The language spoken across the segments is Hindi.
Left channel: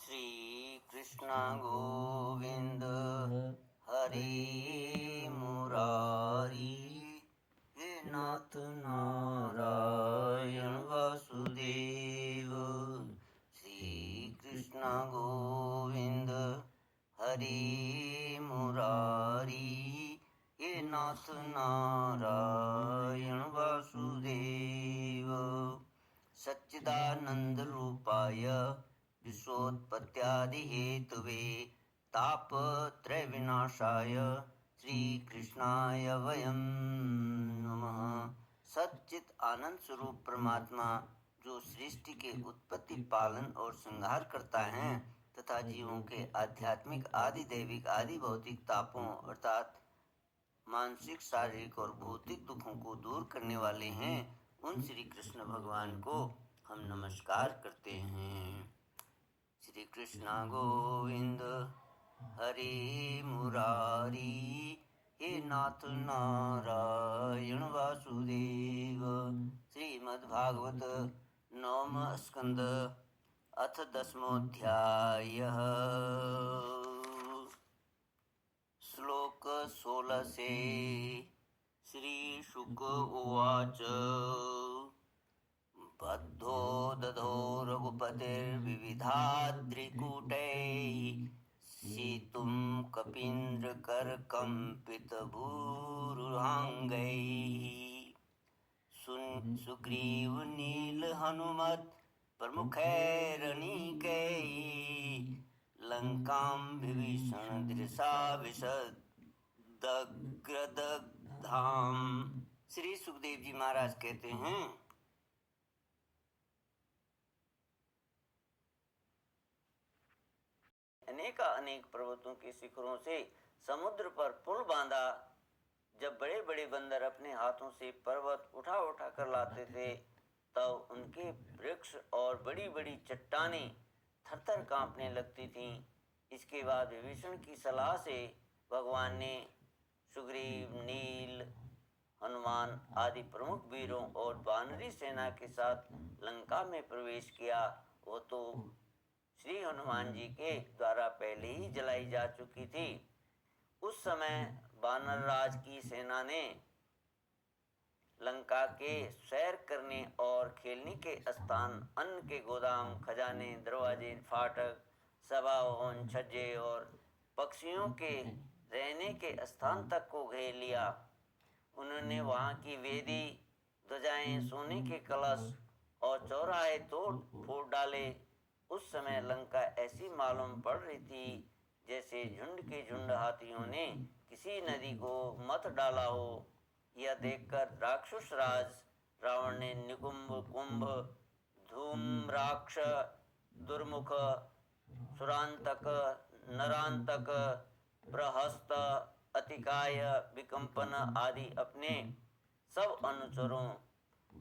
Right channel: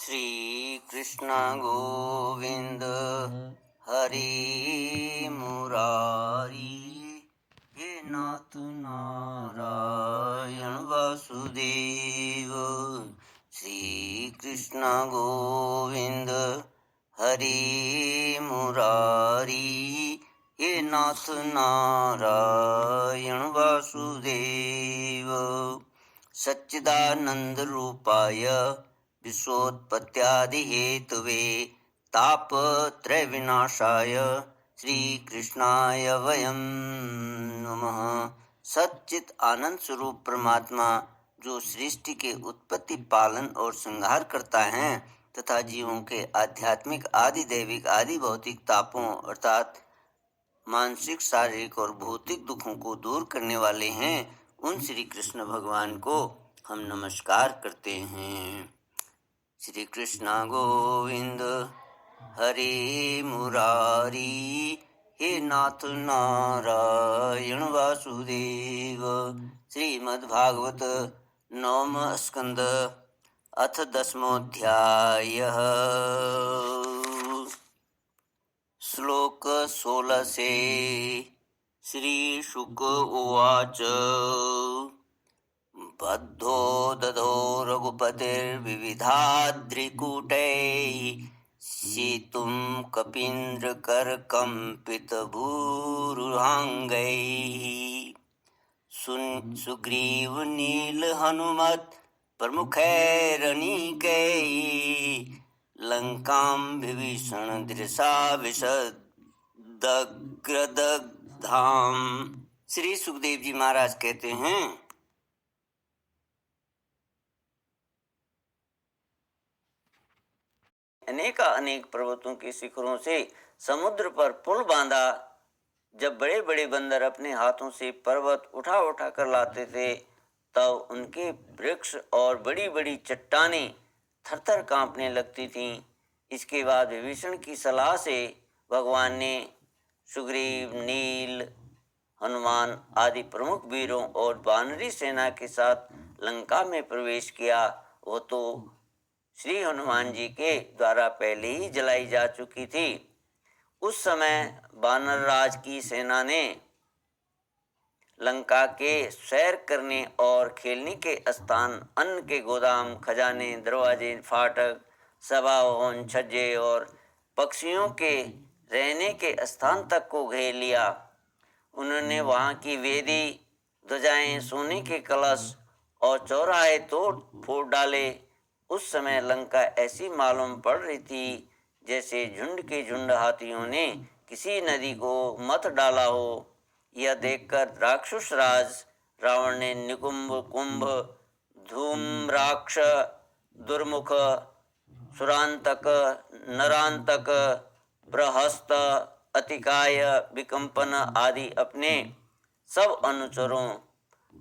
श्री कृष्ण गोविंद हरि मुरारी, हे नाथ नारायण वासुदेव। श्री कृष्ण गोविंद हरि मुरारी, हे नाथ नारायण वासुदेव। सच्चिदानंद रूपाय विश्वोत्पत्त्यादि हेतवे तापत्रय विनाशाय श्रीकृष्णाय वयं नमः। सच्चित आनंद स्वरूप परमात्मा जो सृष्टि के उत्पत्ति, पालन और संहार करता है तथा जीवों के आध्यात्मिक आदि दैविक आदि भौतिक तापों अर्थात मानसिक, शारीरिक और भौतिक दुखों को दूर करने वाले हैं, उन श्री कृष्ण भगवान को हम नमस्कार करते हैं। श्री कृष्ण गोविंद हरि मुरारी, हे नाथ नारायण वासुदेव। श्रीमद्भागवत नवम स्कंद अथ 10वाध्यायः। श्लोक 16 से। श्री शुक उवाच बद्धो दधो रघुपतिर्विविधाद्रिकूटैः सीतुं कपीन्द्रकर्कम्पितभूरुहाङ्गैः सुग्रीव नील हनुमत् प्रमुखैरनीकैः लंकां विभीषण दृशा विशदग्रदग्धाम। श्री सुखदेव जी महाराज कहते हैं, अनेक पर्वतों के शिखरों से समुद्र पर पुल बांधा। जब बड़े बड़े बंदर अपने हाथों से पर्वत उठा उठा कर लाते थे, तब उनके वृक्ष और बड़ी बड़ी चट्टानें थरथर कांपने लगती थीं। इसके बाद विभीषण की सलाह से भगवान ने सुग्रीव, नील, हनुमान आदि प्रमुख वीरों और वानरी सेना के साथ लंका में प्रवेश किया। वो तो श्री हनुमान जी के द्वारा पहले ही जलाई जा चुकी थी। उस समय वानर राज की सेना ने लंका के सैर करने और खेलने के स्थान, अन्न के गोदाम, खजाने, दरवाजे, फाटक, सभा भवन, छज्जे और पक्षियों के रहने के स्थान तक को घेर लिया। उन्होंने वहां की वेदी, ध्वजाएं, सोने के कलश और चौराहे तोड़ फोड़ डाले। उस समय लंका ऐसी मालूम पड़ रही थी जैसे झुंड के झुंड हाथियों ने किसी नदी को मत डाला हो। यह देखकर राक्षस राज रावण ने निकुंभ, कुंभ, धूम्राक्ष, दुर्मुख, सुरांतक, नरांतक, बृहस्त, अतिकाय, विकंपन आदि अपने सब अनुचरों,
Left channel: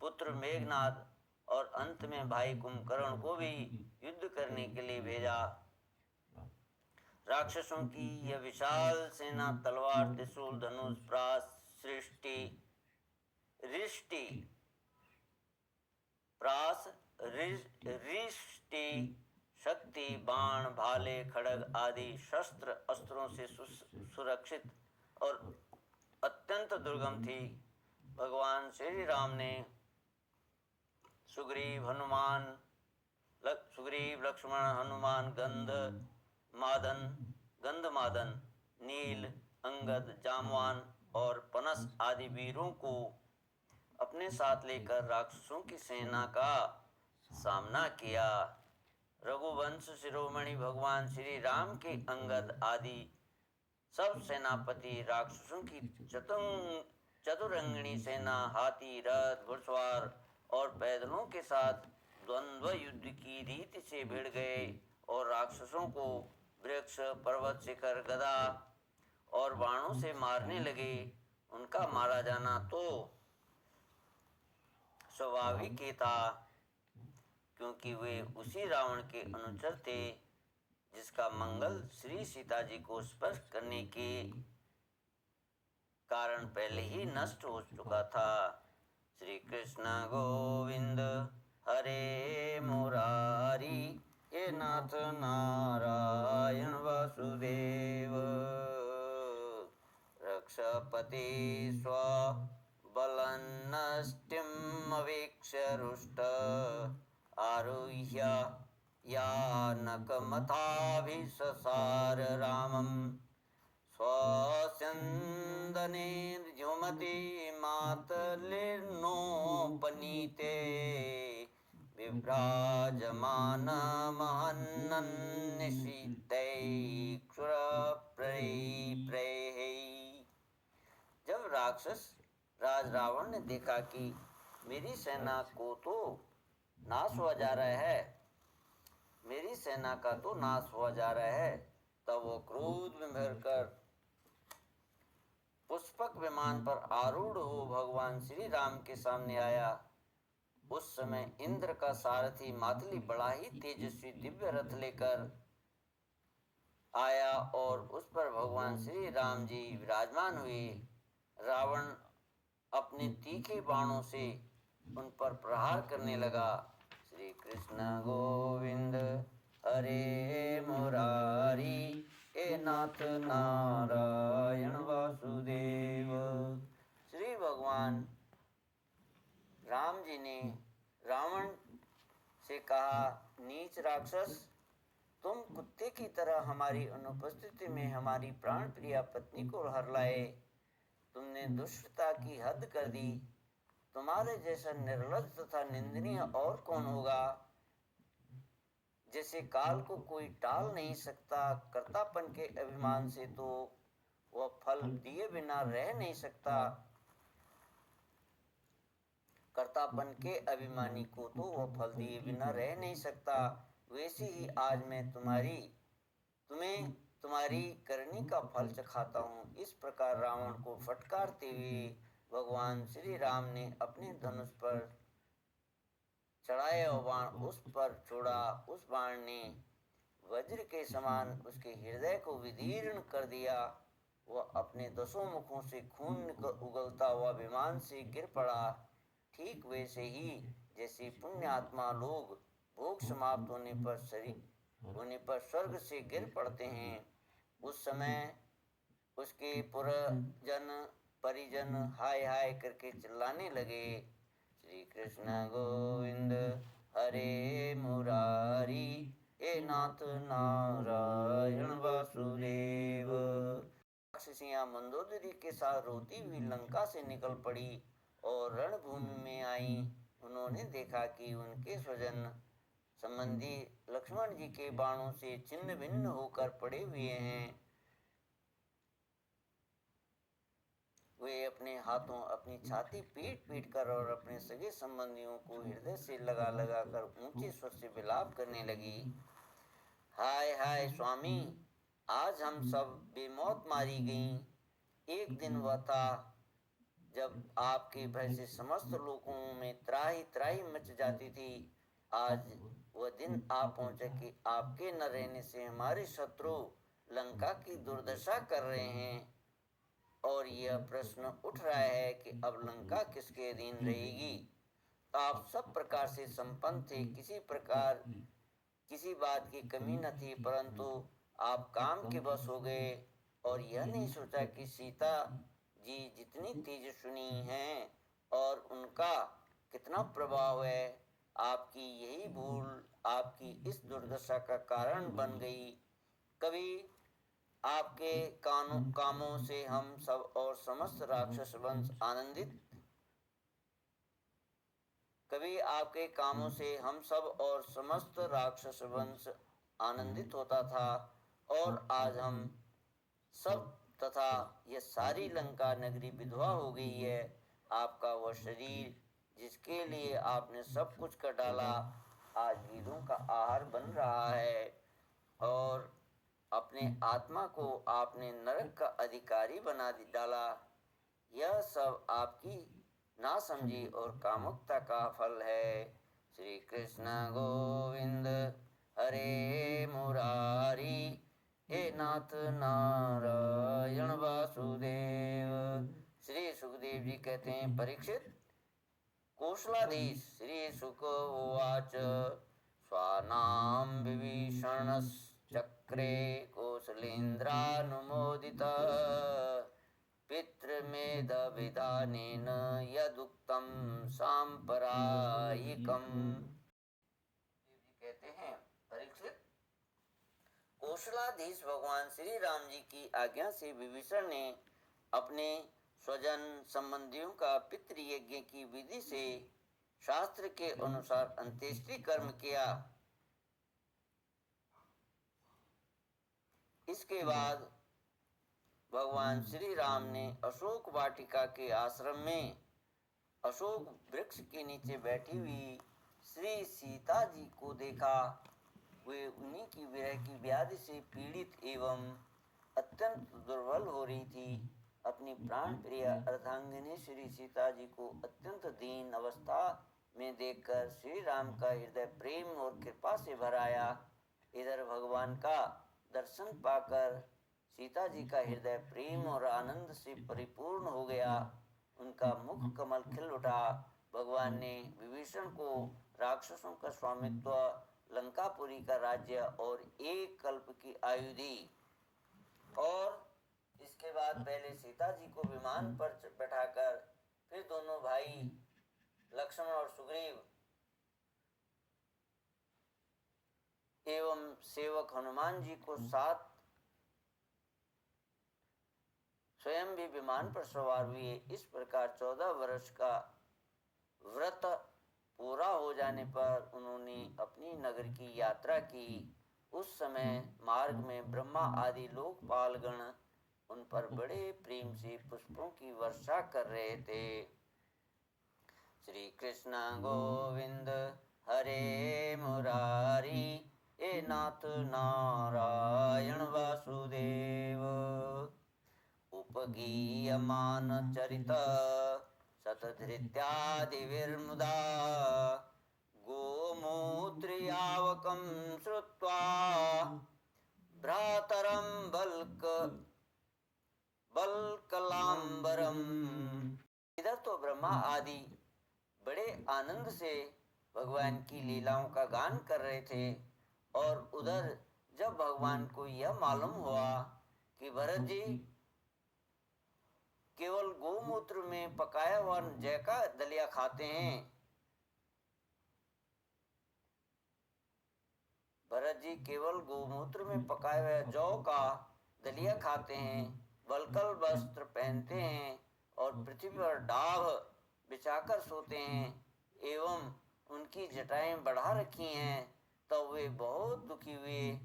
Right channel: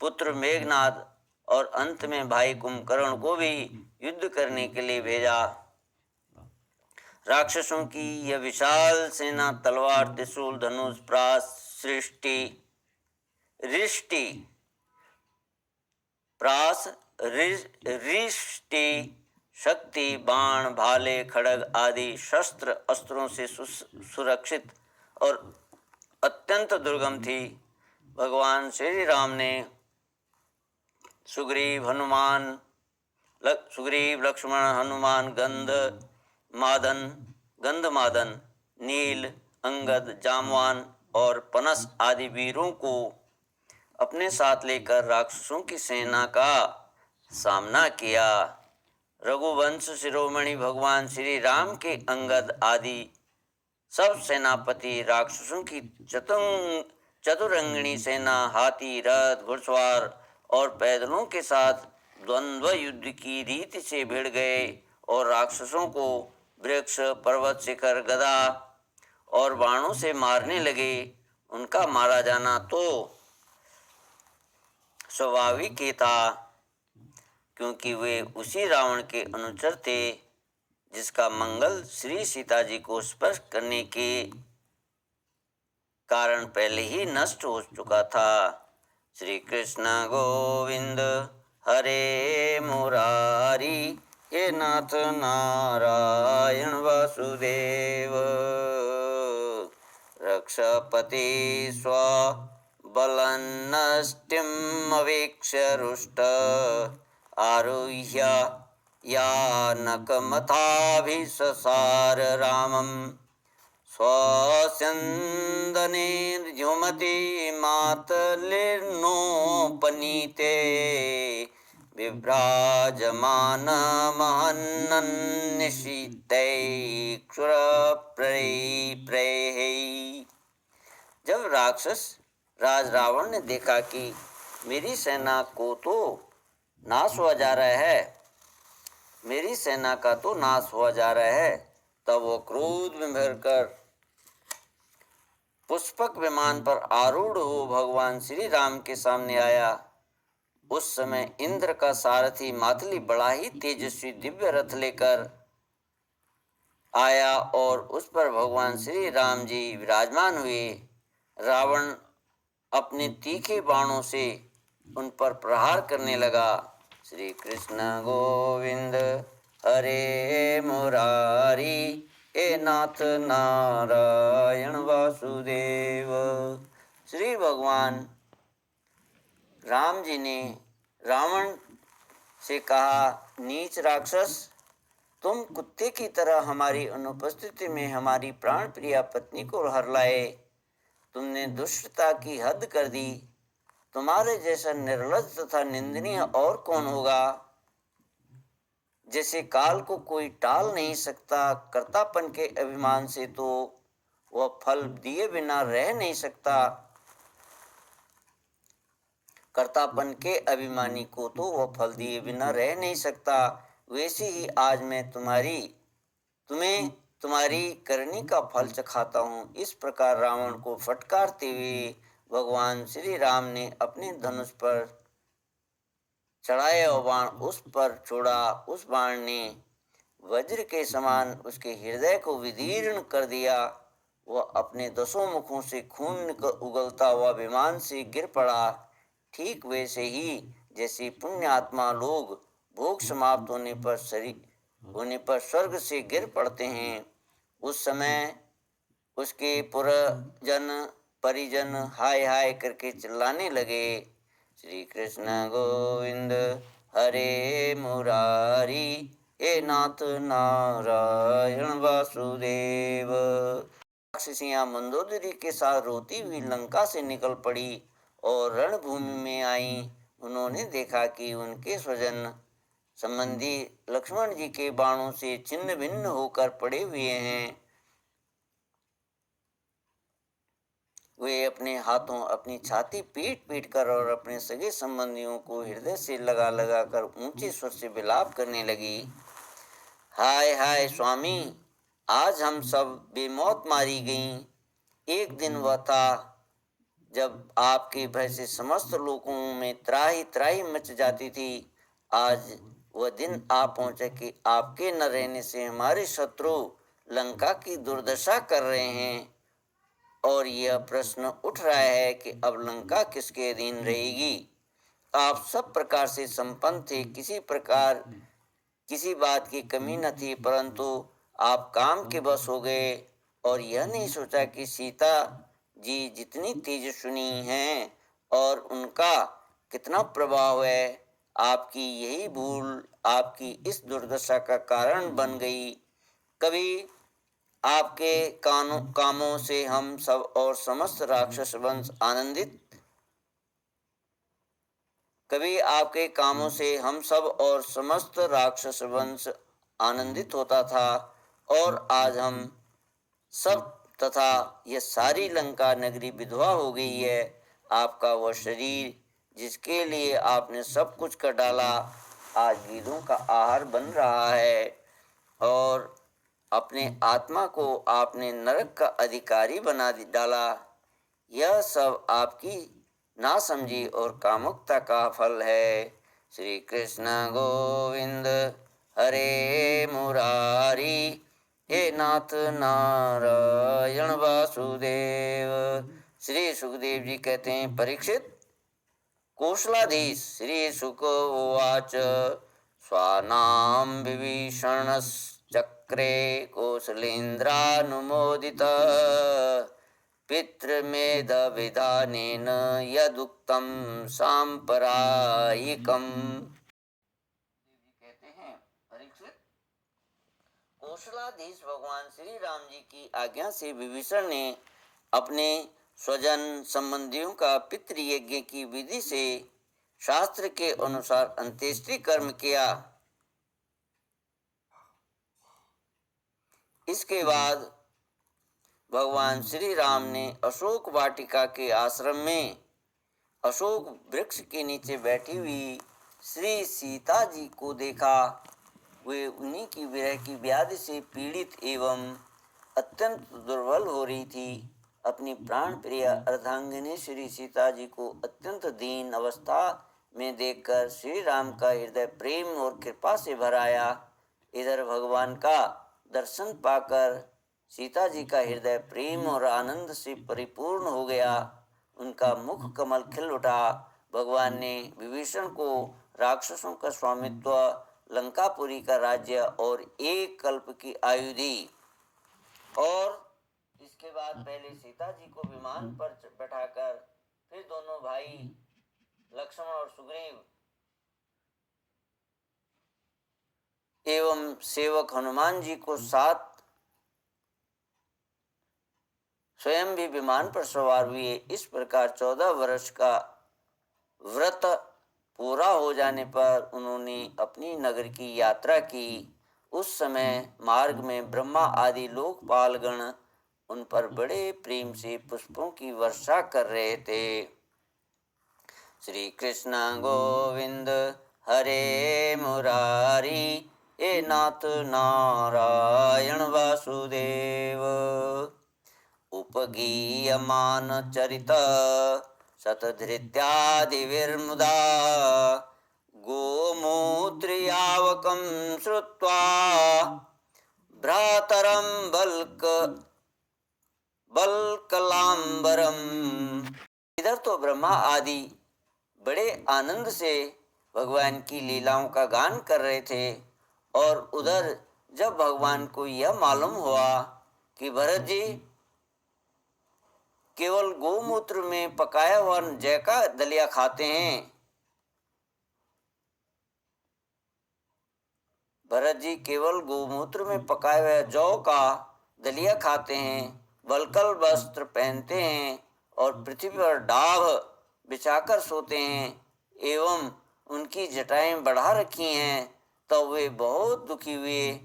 पुत्र मेघनाद और अंत में भाई कुंभकर्ण को भी युद्ध करने के लिए भेजा। राक्षसों की यह विशाल सेना तलवार, त्रिशूल, धनुष, प्रास, रिष्टि, शक्ति, बाण, भाले, खड्ग आदि शस्त्र अस्त्रों से सुरक्षित और अत्यंत दुर्गम थी। भगवान श्री राम ने सुग्रीव, लक्ष्मण, हनुमान, गंधमादन, नील, अंगद, जामवान और पनस आदि वीरों को अपने साथ लेकर राक्षसों की सेना का सामना किया। रघुवंश शिरोमणि भगवान श्री राम के अंगद आदि सब सेनापति राक्षसों की चतुरंगिणी सेना, हाथी, रथ, घुड़सवार और पैदलों के साथ द्वंद्व युद्ध की रीति से भिड़ गए और राक्षसों को वृक्ष, पर्वत, शिखर, गदा और बाणों से मारने लगे। उनका मारा जाना तो स्वाभाविक ही था, क्योंकि वे उसी रावण के अनुचर थे जिसका मंगल श्री सीता जी को स्पर्श करने के कारण पहले ही नष्ट हो चुका था। श्री कृष्ण गोविंद हरे मुरारी, हे हे नाथ नारायण वासुदेव। रक्षपति स्वबलन्नष्टिमवीक्ष्य रुष्ट आरुह्य यानकमथाभिससार रामम् स्वस्यन्दनेर्जुमति मातलिर्नोपनीते विभ्राजमानमहन्निशितैक्षुरप्रैः। जब राक्षस राज रावण ने देखा कि मेरी सेना को तो नाश हुआ जा रहा है, मेरी सेना का तो नाश हुआ जा रहा है, तब वो क्रोध में भरकर पुष्पक विमान पर आरूढ़ हो भगवान श्री राम के सामने आया। उस समय इंद्र का सारथी मातली बड़ा ही तेजस्वी दिव्य रथ लेकर आया और उस पर भगवान श्री राम जी विराजमान हुए। रावण अपने तीखे बाणों से उन पर प्रहार करने लगा। श्री कृष्ण गोविंद हरे मुरारी, हे नाथ नारायण वासुदेव। श्री भगवान राम जी ने रावण से कहा, नीच राक्षस, तुम कुत्ते की तरह हमारी अनुपस्थिति में हमारी प्राण प्रिया पत्नी को हर लाए। तुमने दुष्टता की हद कर दी। तुम्हारे जैसा निर्लज्ज तथा निंदनीय और कौन होगा। जैसे काल को कोई टाल नहीं सकता, कर्तापन के अभिमान से तो वह फल दिए बिना रह नहीं सकता। कर्तापन के अभिमानी को तो वह फल दिए बिना रह नहीं सकता, वैसे ही आज मैं तुम्हें तुम्हारी करनी का फल चखाता हूँ। इस प्रकार रावण को फटकारते हुए भगवान श्री राम ने अपने धनुष पर चढ़ाया और बाण उस पर छोड़ा। उस बाण ने वज्र के समान उसके हृदय को विदीर्ण कर दिया। वह अपने 10 मुखों से खून उगलता हुआ विमान से गिर पड़ा। ठीक वैसे ही जैसे पुण्य आत्मा लोग भोग समाप्त होने पर स्वर्ग से गिर पड़ते हैं, उस समय उसके परिजन हाय हाय करके चिल्लाने लगे। श्री कृष्ण गोविंद हरे मुरारी, हे नाथ नारायण वासुदेव। राक्षसियां मंदोदरी के साथ रोती हुई लंका से निकल पड़ी और रणभूमि में आई। उन्होंने देखा कि उनके स्वजन संबंधी लक्ष्मण जी के बाणों से छिन्न भिन्न होकर पड़े हुए हैं। वे अपने हाथों अपनी छाती पीट पीट कर और अपने सगे संबंधियों को हृदय से लगा लगा कर ऊंचे स्वर से विलाप करने लगी। हाय हाय स्वामी, आज हम सब बेमौत मारी गईं। एक दिन वह था जब आपके भय से समस्त लोगों में त्राही त्राही मच जाती थी। आज वह दिन आ पहुंचा कि आपके न रहने से हमारे शत्रु लंका की दुर्दशा कर रहे हैं और यह प्रश्न उठ रहा है कि अब लंका किसके अधीन रहेगी। आप सब प्रकार से संपन्न थे, किसी बात की कमी न थी, परंतु आप काम के बस हो गए और यह नहीं सोचा कि सीता जी जितनी तेजस्विनी हैं और उनका कितना प्रभाव है, आपकी यही भूल आपकी इस दुर्दशा का कारण बन गई। कभी आपके कामों से हम सब और समस्त राक्षस वंश आनंदित होता था और आज हम सब तथा यह सारी लंका नगरी विधवा हो गई है। आपका वह शरीर जिसके लिए आपने सब कुछ कर डाला, आज गीदों का आहार बन रहा है और अपने आत्मा को आपने नरक का अधिकारी बना डाला। यह सब आपकी नासमझी और कामुकता का फल है। श्री कृष्ण गोविंद हरे मुरारी, हे नाथ नारायण वासुदेव। श्री सुखदेव जी कहते हैं, परीक्षित, कौशलाधीश श्री शुक उवाच स्वानां विभीषणश्चक्रे कौसलेन्द्रानुमोदित पितृमेधविधानेन यदुक्तं सांप्रदायिकम्। कहते हैं, परीक्षित, कौशलाधीश भगवान श्री राम जी की आज्ञा से विभीषण ने अपने स्वजन संबंधियों का पितृयज्ञ की विधि से शास्त्र के अनुसार अंत्येष्टि कर्म किया। इसके बाद भगवान श्री राम ने अशोक वाटिका के आश्रम में अशोक वृक्ष के नीचे बैठी हुई श्री सीता जी को देखा। वे उन्हीं की विरह की व्याधि से पीड़ित एवं अत्यंत दुर्बल हो रही थी। अपनी प्राण प्रिय अर्धांगिनी श्री सीता जी को अत्यंत दीन अवस्था में देखकर श्री राम का हृदय प्रेम और कृपा से भर आया। इधर भगवान का दर्शन पाकर सीता जी का हृदय प्रेम और आनंद से परिपूर्ण हो गया। उनका मुख कमल खिल उठा। भगवान ने विभीषण को राक्षसों का स्वामित्व, लंकापुरी का राज्य और 1 कल्प की आयु दी। और इसके बाद पहले सीता जी को विमान पर बैठाकर फिर दोनों भाई लक्ष्मण और सुग्रीव एवं सेवक हनुमान जी को साथ स्वयं भी विमान पर सवार हुए। इस प्रकार 14 वर्ष का व्रत पूरा हो जाने पर उन्होंने अपनी नगर की यात्रा की। उस समय मार्ग में ब्रह्मा आदि लोकपालगण उन पर बड़े प्रेम से पुष्पों की वर्षा कर रहे थे। श्री कृष्ण गोविंद हरे मुरारी, हे नाथ नारायण वासुदेव। उपगीयमान चरित शतधृत्यादिविर्मुदा, गोमूत्र्यावकं श्रुत्वा भ्रातरं बल्कलांबरम। इधर तो ब्रह्मा आदि बड़े आनंद से भगवान की लीलाओं का गान कर रहे थे, और उधर जब भगवान को यह मालूम हुआ कि भरत जी केवल गोमूत्र में पकाया हुआ जय का दलिया खाते हैं, भरत जी केवल गोमूत्र में पकाए हुए जौ का दलिया खाते हैं, वल्कल वस्त्र पहनते हैं और पृथ्वी पर डाभ बिछाकर सोते हैं एवं उनकी जटाएं बढ़ा रखी हैं, तो वे बहुत दुखी हुए।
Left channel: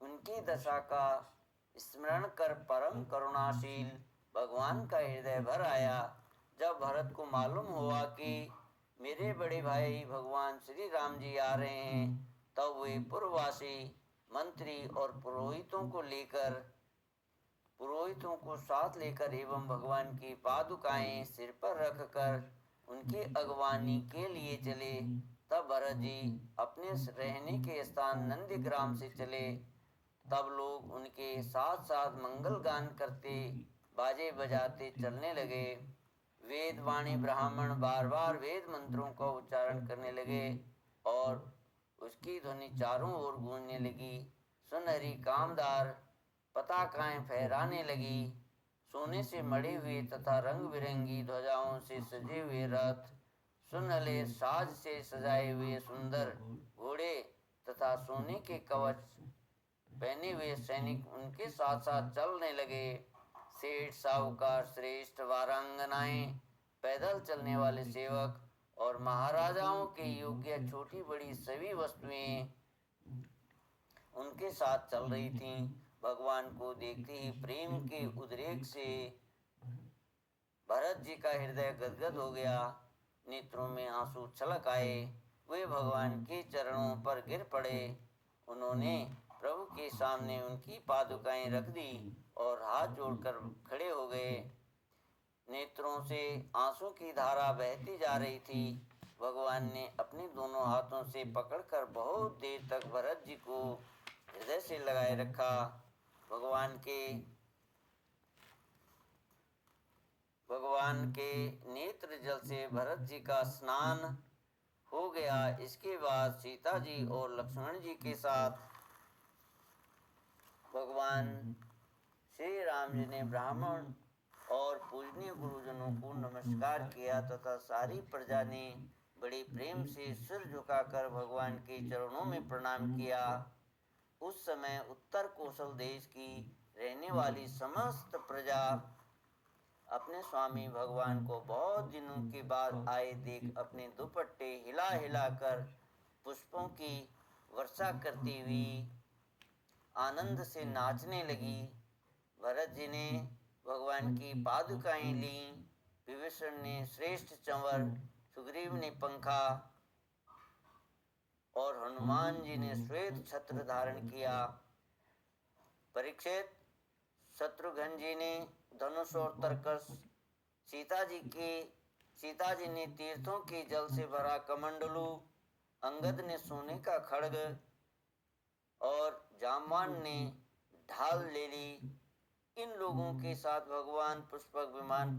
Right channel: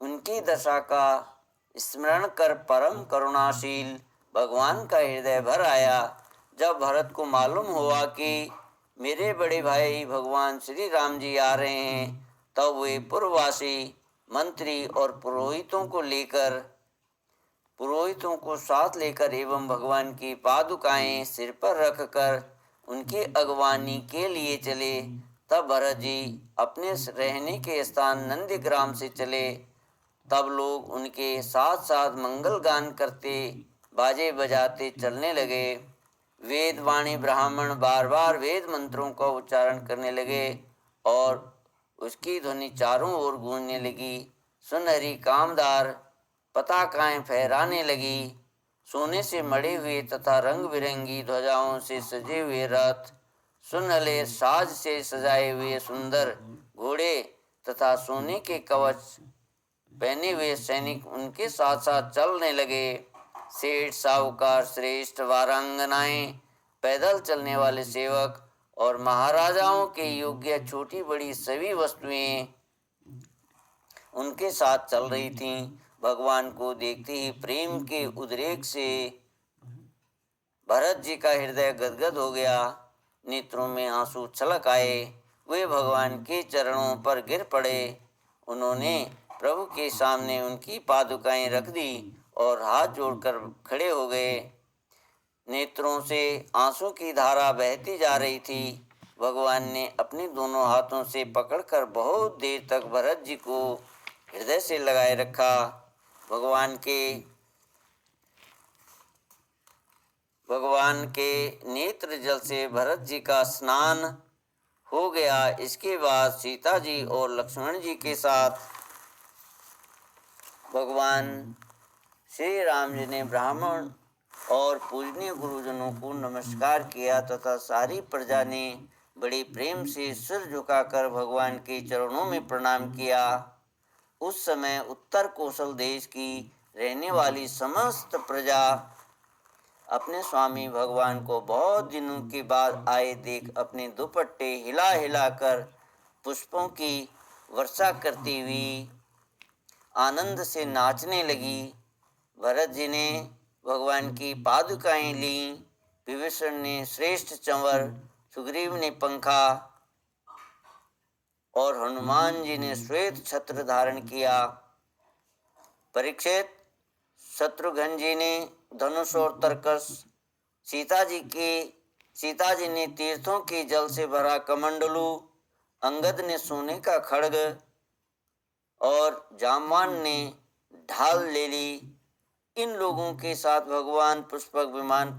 उनकी दशा का स्मरण कर परम करुणाशील भगवान का हृदय भर आया। जब भरत को मालूम हुआ कि मेरे बड़े भाई भगवान श्री राम जी आ रहे हैं, तब वे पूर्ववासी मंत्री और पुरोहितों को साथ लेकर एवं भगवान की पादुकाएं सिर पर रखकर उनकी अगवानी के लिए चले। तब भरत जी अपने रहने के स्थान नंदीग्राम से चले। तब लोग उनके साथ साथ मंगल गान करते, बाजे बजाते चलने लगे। वेद वाणी ब्राह्मण बार बार वेद मंत्रों का उच्चारण करने लगे और उसकी ध्वनि चारों ओर गूंजने लगी। सुनहरी कामदार पताकाएं फहराने लगी। सोने से मढ़े हुए तथा रंग बिरंगी ध्वजाओं से सजे हुए रथ, सुनहले साज से सजाए हुए सुंदर घोड़े तथा सोने के कवच पहने हुए सैनिक उनके साथ साथ चलने लगे। सेठ साहूकार श्रेष्ठ वारांगनाएं, पैदल चलने वाले सेवक और महाराजाओं के योग्य छोटी बड़ी सभी वस्तुएं उनके साथ चल रही थीं। भगवान को देखते ही प्रेम के उद्रेक से भरत जी का हृदय गदगद हो गया, नेत्रों में आंसू छलक आए। वे भगवान के चरणों पर गिर पड़े। उन्होंने प्रभु के सामने उनकी पादुकाएं रख दी और हाथ जोड़कर खड़े हो गए। नेत्रों से आंसू की धारा बहती जा रही थी। भगवान ने अपने दोनों हाथों से पकड़कर बहुत देर तक भरत जी को हृदय से लगाए रखा। भगवान के नेत्र जल से भरत जी का स्नान हो गया। इसके बाद सीता जी और लक्ष्मण जी के साथ भगवान श्री राम जी ने ब्राह्मण और पूजनीय गुरुजनों को नमस्कार किया तथा सारी प्रजा ने बड़े प्रेम से सिर झुकाकर भगवान के चरणों में प्रणाम किया। उस समय उत्तर कौशल देश की रहने वाली समस्त प्रजा अपने स्वामी भगवान को बहुत दिनों के बाद आए देख अपने दुपट्टे हिला हिलाकर पुष्पों की वर्षा करती हुई आनंद से नाचने लगी। भरत जी ने भगवान की पादुकाएं ली, विभीषण ने श्रेष्ठ चंवर, सुग्रीव ने पंखा और हनुमान जी ने श्वेत छत्र धारण किया। परीक्षित, शत्रुघ्न जी ने धनुष और तरकस, सीता जी ने तीर्थों के जल से भरा कमंडलू, अंगद ने सोने का खड्ग और जामवान ने ढाल ले ली। इन लोगों के साथ भगवान पुष्पक विमान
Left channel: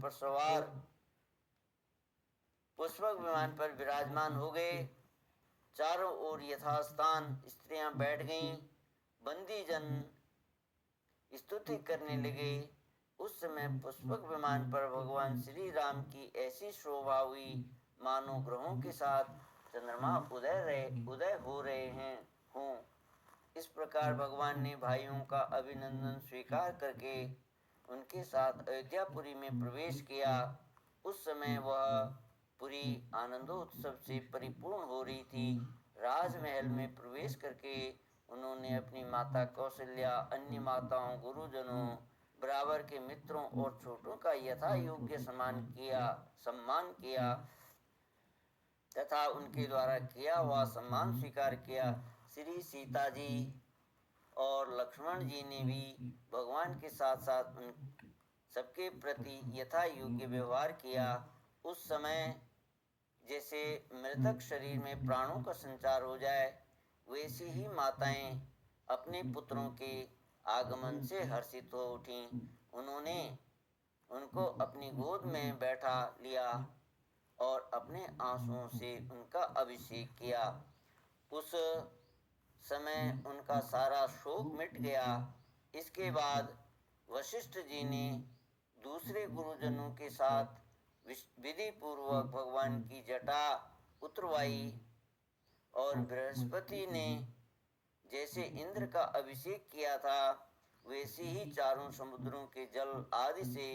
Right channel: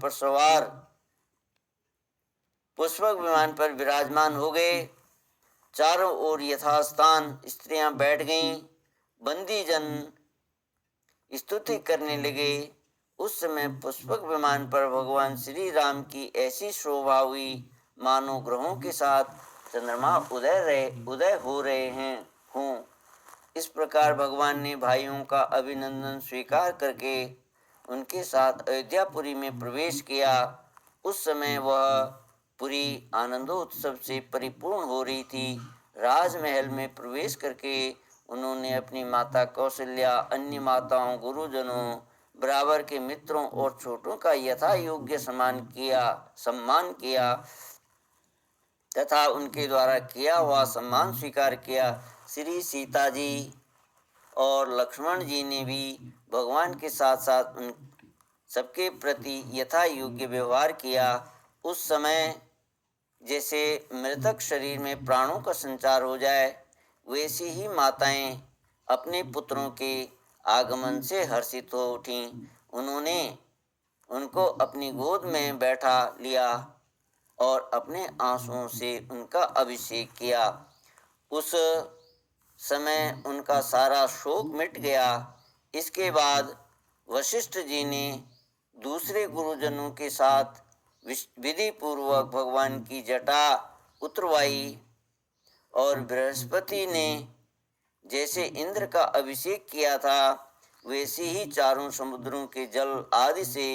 पर विराजमान हो गए। चारों ओर यथास्थान स्त्रियां बैठ गईं। बंदी जन स्तुति करने लगे। उस समय पुष्पक विमान पर भगवान श्री राम की ऐसी शोभा हुई मानो ग्रहों के साथ चंद्रमा उदय हो रहे हैं हों। इस प्रकार भगवान ने भाइयों का अभिनंदन स्वीकार करके उनके साथ अयोध्यापुरी में प्रवेश किया। उस समय वह पुरी आनंदोत्सव से परिपूर्ण हो रही थी। राजमहल में प्रवेश करके उन्होंने अपनी माता कौशल्या, अन्य माताओं, गुरुजनों, बराबर के मित्रों और छोटों का यथा योग्य सम्मान किया तथा उनके द्वारा किया हुआ सम्मान स्वीकार किया। श्री सीता जी और लक्ष्मण जी ने भी भगवान के साथ साथ उन सबके प्रति यथा योग्य व्यवहार किया। उस समय जैसे मृतक शरीर में प्राणों का संचार हो जाए, वैसी ही माताएं अपने पुत्रों के आगमन से हर्षित हो उठीं। उन्होंने उनको अपनी गोद में बैठा लिया और अपने आंसुओं से उनका अभिषेक किया। उस समय उनका सारा शोक मिट गया। इसके बाद वशिष्ठ जी ने दूसरे गुरुजनों के साथ विधि पूर्वक भगवान की जटा उतरवाई और बृहस्पति ने जैसे इंद्र का अभिषेक किया था, वैसे ही चारों समुद्रों के जल आदि से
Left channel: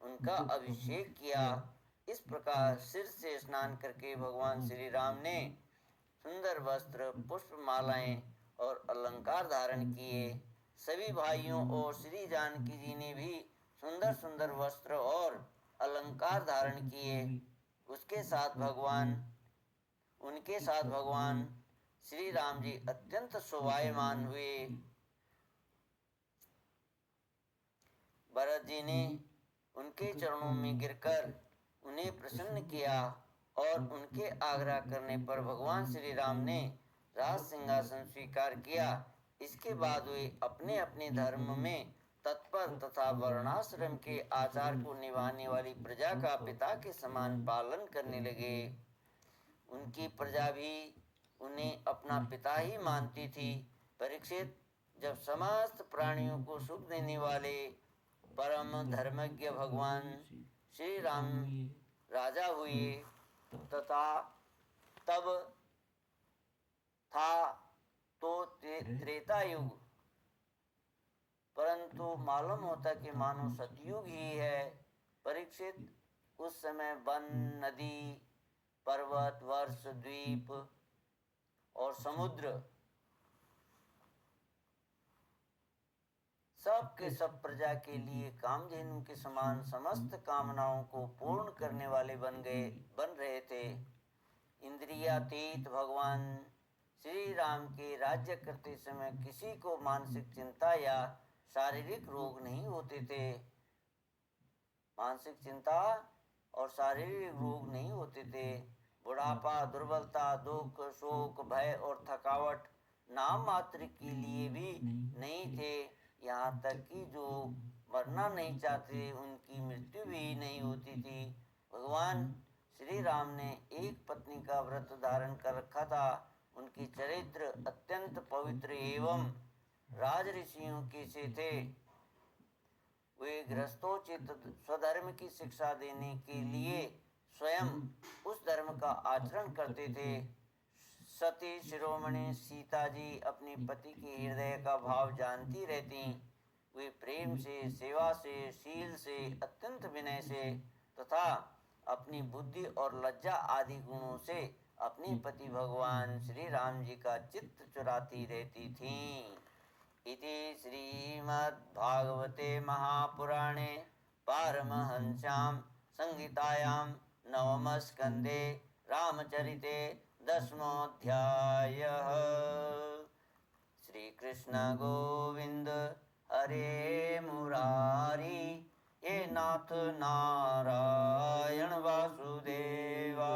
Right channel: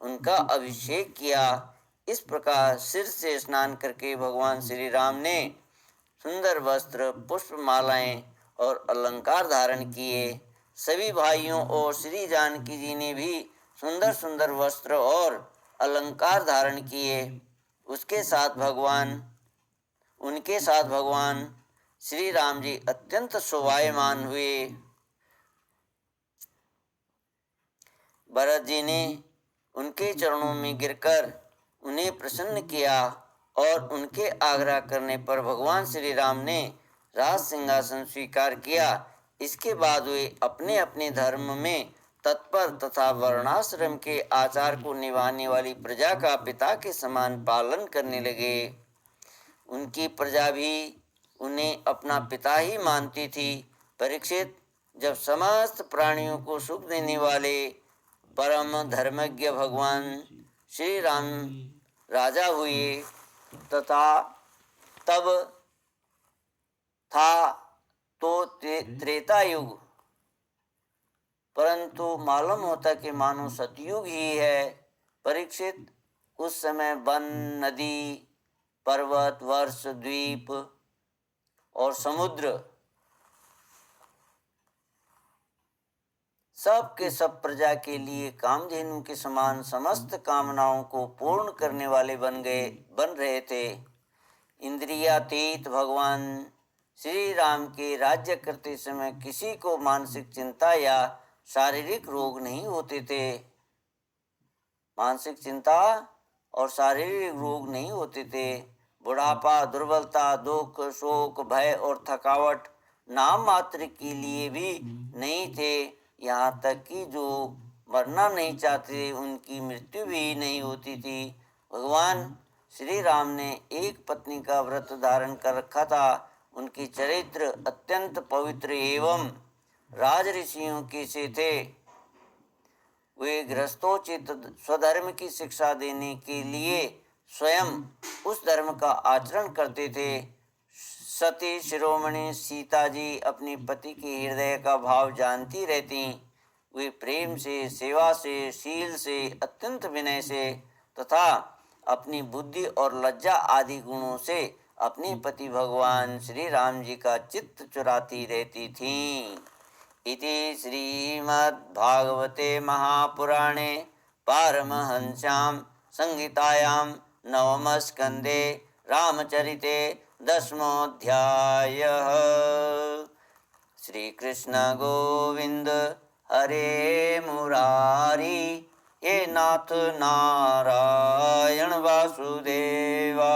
उनका अभिषेक किया। इस प्रकार सिर से स्नान करके भगवान श्री राम ने सुंदर वस्त्र, पुष्प मालाएं और अलंकार धारण किए। सभी भाइयों और श्री जानकी जी ने भी सुंदर सुंदर वस्त्र और अलंकार धारण किए। उनके साथ भगवान श्री राम जी अत्यंत शोभायमान हुए। भरत जी ने उनके चरणों में गिरकर उन्हें प्रसन्न किया और उनके आग्रह करने पर भगवान श्री राम ने राज सिंहासन स्वीकार किया। इसके बाद वे अपने अपने धर्म में तत्पर तथा वर्णाश्रम के आचार को निभाने वाली प्रजा का पिता के समान पालन करने लगे। उनकी प्रजा भी उन्हें अपना पिता ही मानती थी। परीक्षित, जब समस्त प्राणियों को सुख देने वाले परम धर्मज्ञ भगवान श्री राम राजा हुए तथा तब था तो त्रेता युग, परंतु मालूम होता कि मानो सतयुग ही है। परीक्षित, उस समय वन, नदी, पर्वत, वर्ष, द्वीप और समुद्र सब के सब प्रजा के लिए कामधेनु के समान समस्त कामनाओं को पूर्ण करने वाले बन रहे थे। इंद्रियातीत भगवान श्री राम के राज्य करते समय किसी को मानसिक चिंता या शारीरिक रोग नहीं होते थे। मानसिक चिंता और शारीरिक रोग नहीं होते थे। बुढ़ापा, दुर्बलता, दुख, शोक, भय और थकावट नाम मात्र के लिए भी नहीं थे। यहाँ तक कि जो मरना नहीं चाहते उनकी मृत्यु भी नहीं होती थी। भगवान श्री राम ने एक पत्नी का व्रत धारण कर रखा था। उनकी चरित्र अत्यंत पवित्र एवं राज ऋषियों की से थे। वे गृहस्थोचित स्वधर्म की शिक्षा देने के लिए स्वयं उस धर्म का आचरण करते थे। सती शिरोमणि सीता जी अपने पति के हृदय का भाव जानती रहती। वे प्रेम से, सेवा से, शील से, अत्यंत विनय से तथा अपनी बुद्धि और लज्जा आदि गुणों से अपने पति भगवान श्री राम जी का चित्त चुराती रहती थीं। इति श्रीमद्भागवते महापुराणे पारमहंस्यां संहितायां नवमस्कन्धे रामचरिते दशमोऽध्यायः। श्रीकृष्ण गोविंद हरे मुरारी, हे नाथ नारायण वासुदेवा।